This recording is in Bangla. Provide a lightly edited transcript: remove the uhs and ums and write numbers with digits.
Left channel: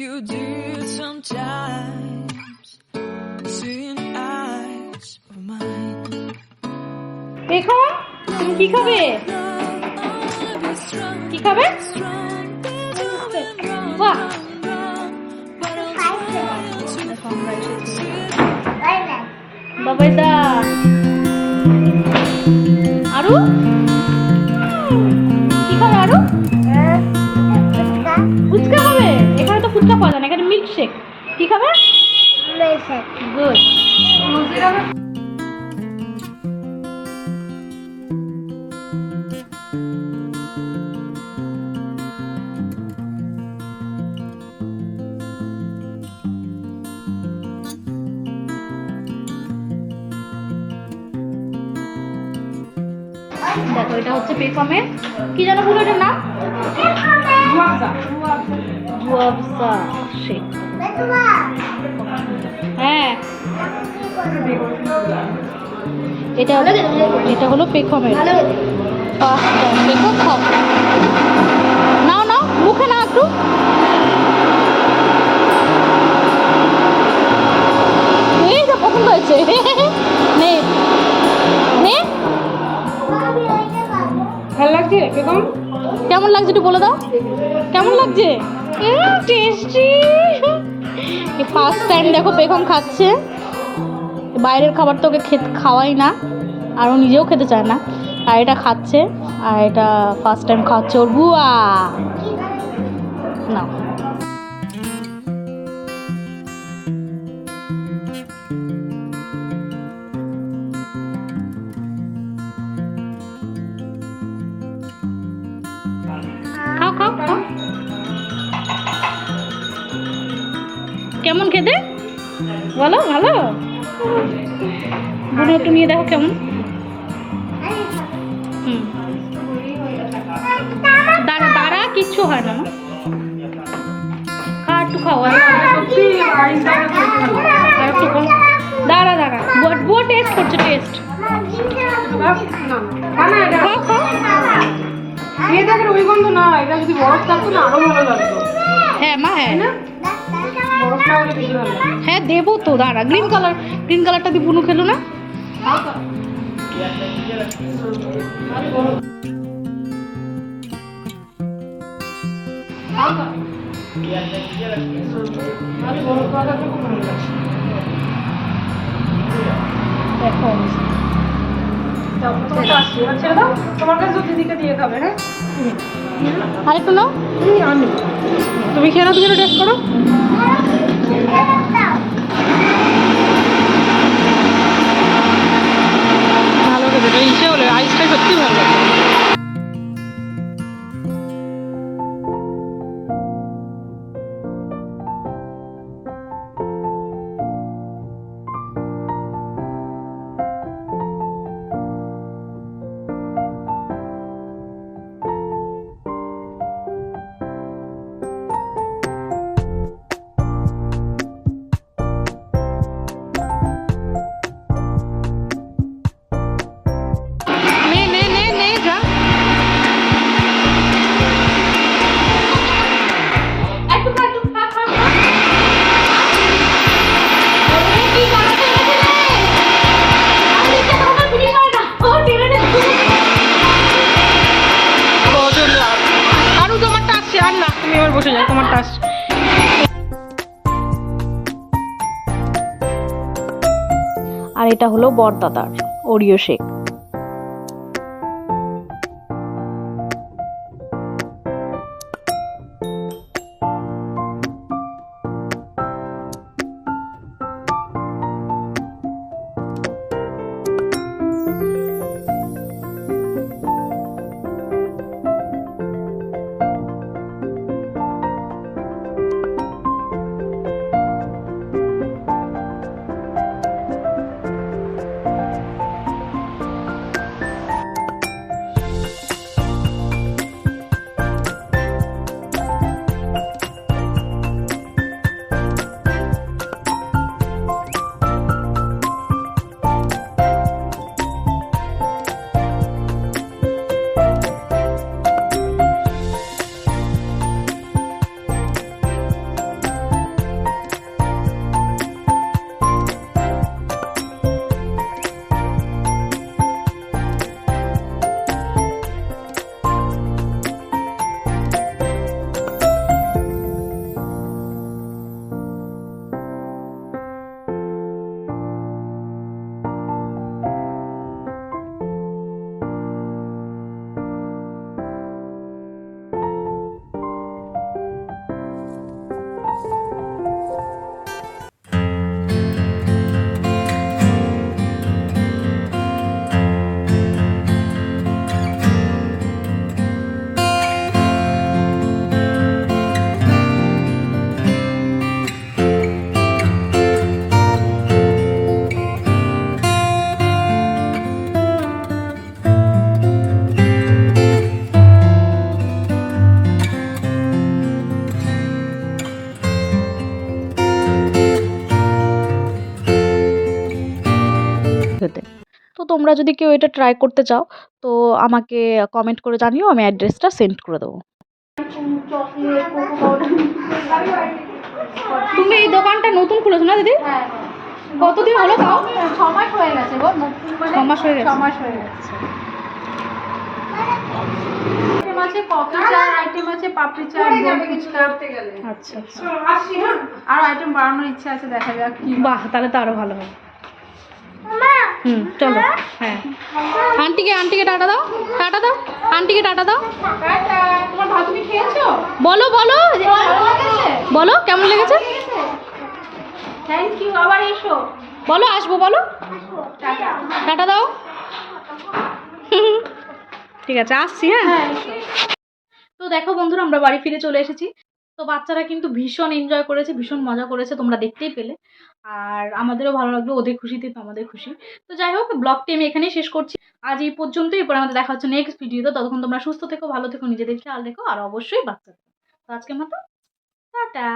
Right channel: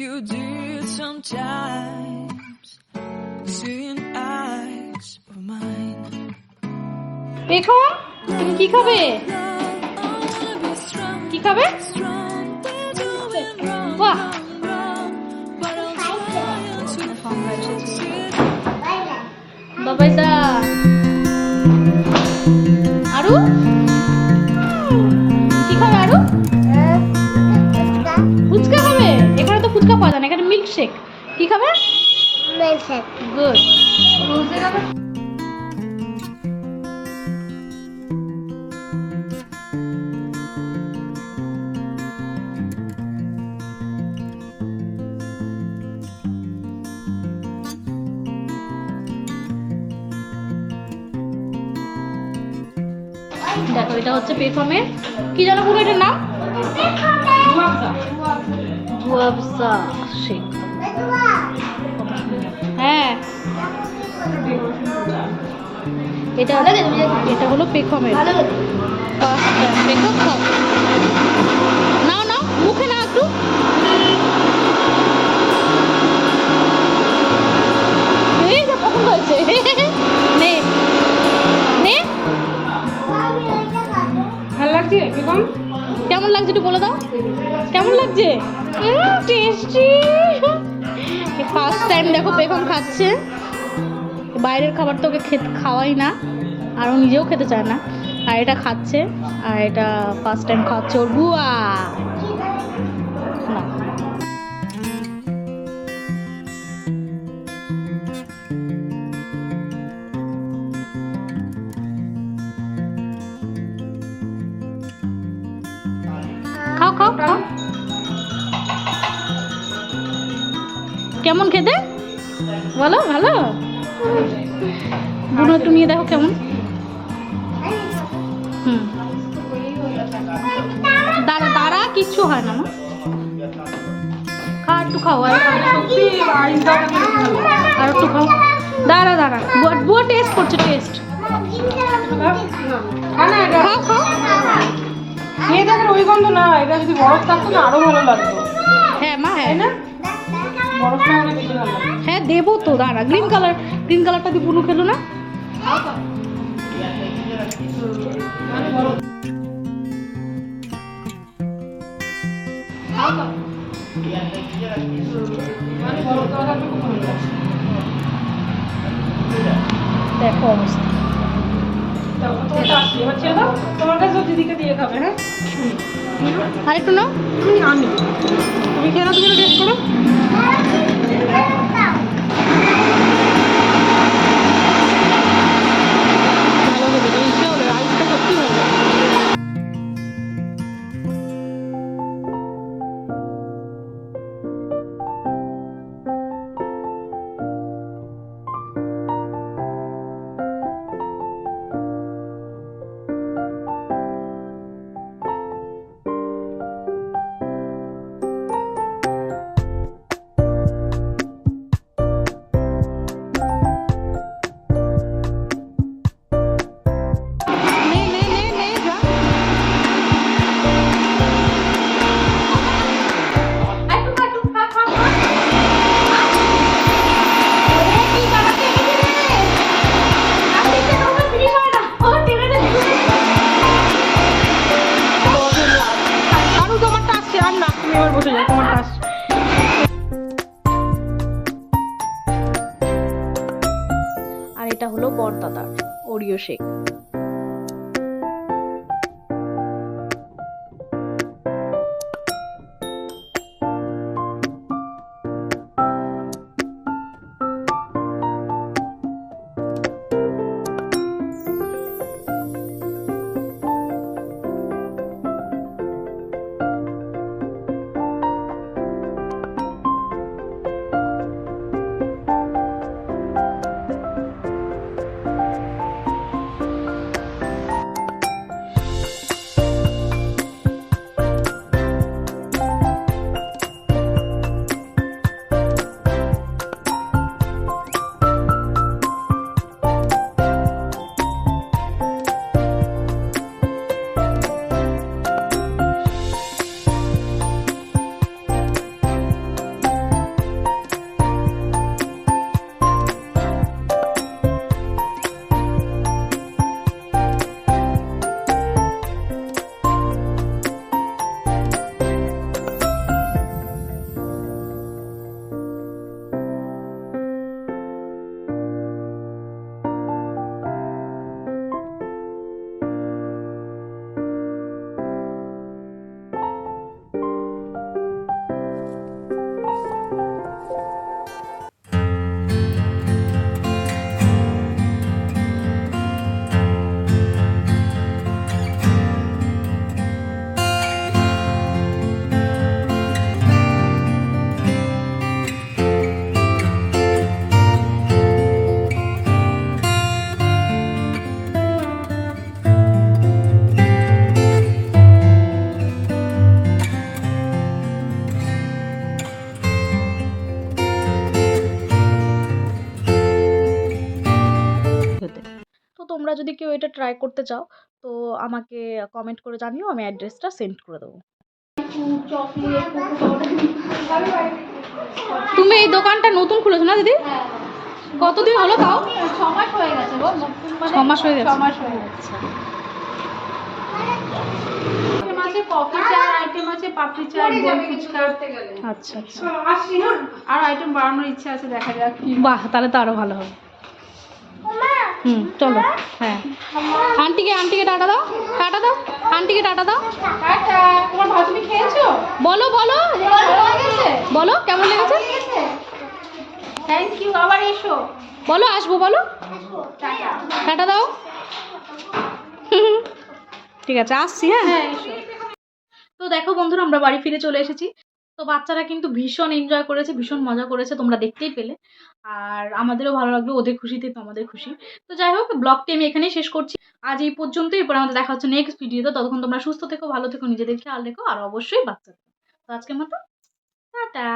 you did sometimes, seeing eyes of mine. এখন তুমি কি খাবে? কি খাবে? বাহ, বাবাই দা আরু কি খাবে? আরু ফুচকা খাবে? এখানে তো ফুচকা পাওয়া যায় না, এখানে মিল্কশেক। কি খাবে? গুড। দেখো এটা হচ্ছে পেফমের কি জানো পুরো এটার নাম? জুয়াবসা শেক। হ্যাঁ এটা হলো পেখমের ফার্স্ট টাইম। পেখম খাও, নাও নাও মুখে নাও একটু। এই যা পছন্দ হয়েছে। নে নে, ভালো লাগছে পেখম? কেমন লাগছে একটু বলে দাও, কেমন লাগছে? টেস্টি। ফার্স্ট টাইম দেখো পেখম খাচ্ছে। বাইরের খাবার তো ওকে খাওয়াই না, আর ও নিজেও খেতে চায় না, আর এটা খাচ্ছে, আর এটা ফার্স্ট টাইম খাচ্ছে ওর বুয়া। না খাও খাও খাও। কেমন খেতে বলো? ভালো? বুনো একটু নিয়ে দেখো কেমন। দাঁড়া দাঁড়া, কিচ্ছু হয় না মা, খা একটু খাও, আর একটু খাও। দাঁড়া দাঁড়া, বুয়া টেস্ট করছে, টেস্ট। খাও খাও। ওই গন্ধ না, এটা যদি বরফ থাকতো না আরো ভালো লাগতো। হ্যাঁ মা, হ্যাঁ বরফটা হলে বেশি ভালো লাগে। হ্যাঁ দেবো তো, দাঁড়া। গ্রিন কালারটা দিয়ে বুনু খেলো না? দেখো তোমার কাছে দিদিকে দিয়ে খাবে। হ্যাঁ আরেকটু নাও। তুমি আনি, তুমি খেয়ে নাও, তুমি টেস্ট করো। ভালো খেতে ইচ্ছে হলে আইসটা সত্যি ভালো লাগে। বসে যাও, তোমার টাস। আর এটা হলো বরদাদার ওরিও শেক। তোমরা যদি কেউ এটা ট্রাই করতে চাও তো আমাকে কমেন্ট করে জানিও, আমি অ্যাড্রেসটা সেন্ড করে দেবো। Chocolate, cocoa powder. তুমি এই দোকানটা নতুন খুলেছো না দিদি? হ্যাঁ কতদিন হলো তাও? 6 মাস হয়ে গেছে গো, নতুন মানে 6 মাস হয়ে গেছে। 6 মাস হয়ে গেছে। আইটেম আছে কফি চা, আইটেম আছে পাপড়ি চা, দই ফুচকা। আচ্ছা আচ্ছা, আসছি হ্যাঁ। আর আইটেম বাড়ানোর ইচ্ছা আছে, দেখা যাক কি। বাহ, তাহলে তো আরো ভালো হবে। চলো। হ্যাঁ, আন্টিকে টাটা দাও, টাটা দাও, আন্টিকে টাটা দাও। টাটা। তোমার ভাজনি খেয়েছো? বলো বলো ভালো লেগেছে? বলো কেমন লেগেছে, থ্যাংক ইউ, আবার এসো। বলো আসবো, বলো টাটা। টাটা দাও। ঠিক আছে, আসছি। হ্যাঁ, হ্যাঁ এসো। তো দেখো বন্ধুরা, আমরা বাড়ি ফিরে চলে এসেছি। তো বাচ্চারা কিন্তু ভীষণ এনজয় করেছে, ভীষণ মজা করেছে, তোমরা দেখতেই পেলে। আর আমাদেরও ভালো লাগলো, ওদের খুশিতে তো আমাদের খুশি। তো যাই হোক, ব্লগটি আমি এখানেই শেষ করছি। আজ এই পর্যন্তই, এরপর আমাদের দেখা হচ্ছে নেক্সট ভিডিওতে। ততক্ষণ তোমরা সুস্থ থেকো, ভালো থেকো, নিজেদের খেয়াল রেখো, আর অবশ্যই বাচ্চাদের। তো আজকের মতো টাটা।